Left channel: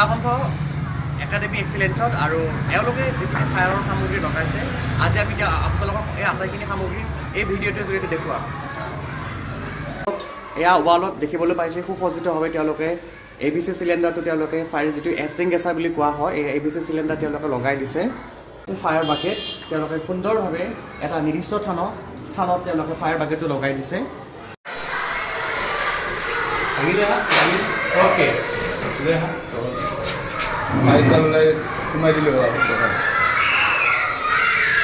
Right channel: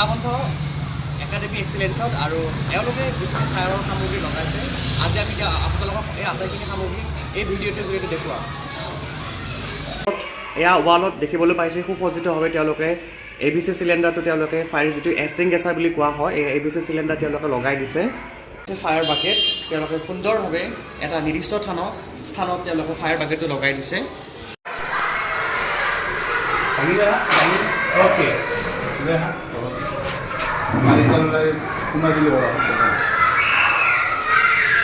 Sudhakantha academy এক্সিলেঞ্চত আৰু এওঁলোকে যিখিনি ফায়াৰৰ সামগ্ৰী লগাইছে আজি আমি এতিয়া আপোনালোকক এই আটাইখিনি সামগ্ৰী এই ভিডিঅ'টোৰ জৰিয়তে দেখুৱাম। এয়া ৱালত দেখিবলৈ পাইছোঁ সুসজ্জিতভাৱে তেওঁলোকে ABC চিলিণ্ডাৰটো তেওঁলোকে ফায়াৰ যিটো এষ্টিংগেছাৰ বুলি কোৱা হয় এই ABC চিলিণ্ডাৰ তেওঁলোকে লগাই দিছে। ফায়াৰ বাকেট তেওঁলোকে সুন্দৰভাৱে এটা নিৰ্দিষ্ট স্থানত তেওঁলোকে ফায়াৰ বাকেটটো লগাই দিছে। ওকে মাইকাললৈ সোমাই দিলে ভাল হ'ব।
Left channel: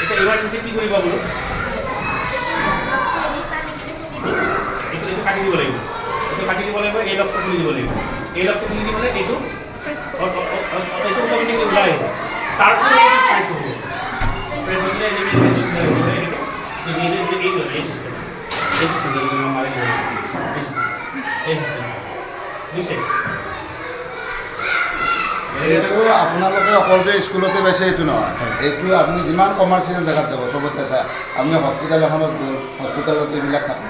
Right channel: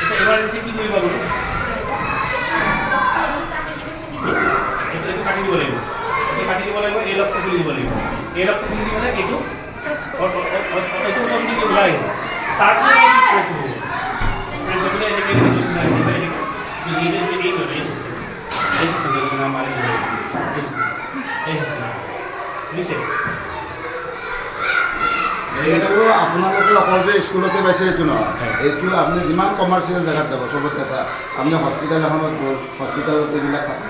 এতিয়া এবাৰ কি কৰিব বোলো এইটো কাটি দিব লাগিব, এইটো কাটি দিব লাগিব, এই লকটো খুলি দিব লাগিব, এই লকটো খুলি দিবলৈ এইটো অটোমেটিক ওলাই আহিব। তাৰপিছত প্ৰেছ হ'ব, প্ৰেছ হৈ গ'লে এইটো আপোনালোকে অকল যে স্কুলতে পাইছে এইটো নহয়, এইটো আপুনি যিমান কমাৰ্চিয়েল জেগাত যাব চবতে চাই আপুনি হস্পিটেল এখনত গ'ল, হস্পিটেলত এইবিলাক থাকে।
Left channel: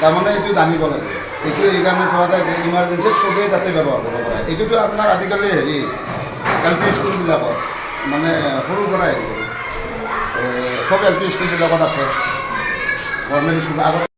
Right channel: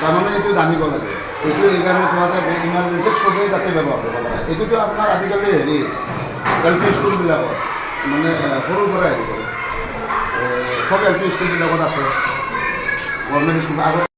তাৰমানে এইটো জানিব লাগে, এইটো এইকাৰণে থোৱা যায় যে ইমাৰ্জেঞ্চিত চবেই তাতে ব্যৱহাৰ কৰিব পাৰে। এইটোতো আপোনাৰ আজিকালি LP স্কুলবিলাকত মানে সৰুৰ পৰা হেৰি কৰে, চব LP স্কুলবিলাকত আছে, গভৰ্ণমেণ্ট স্কুল আগত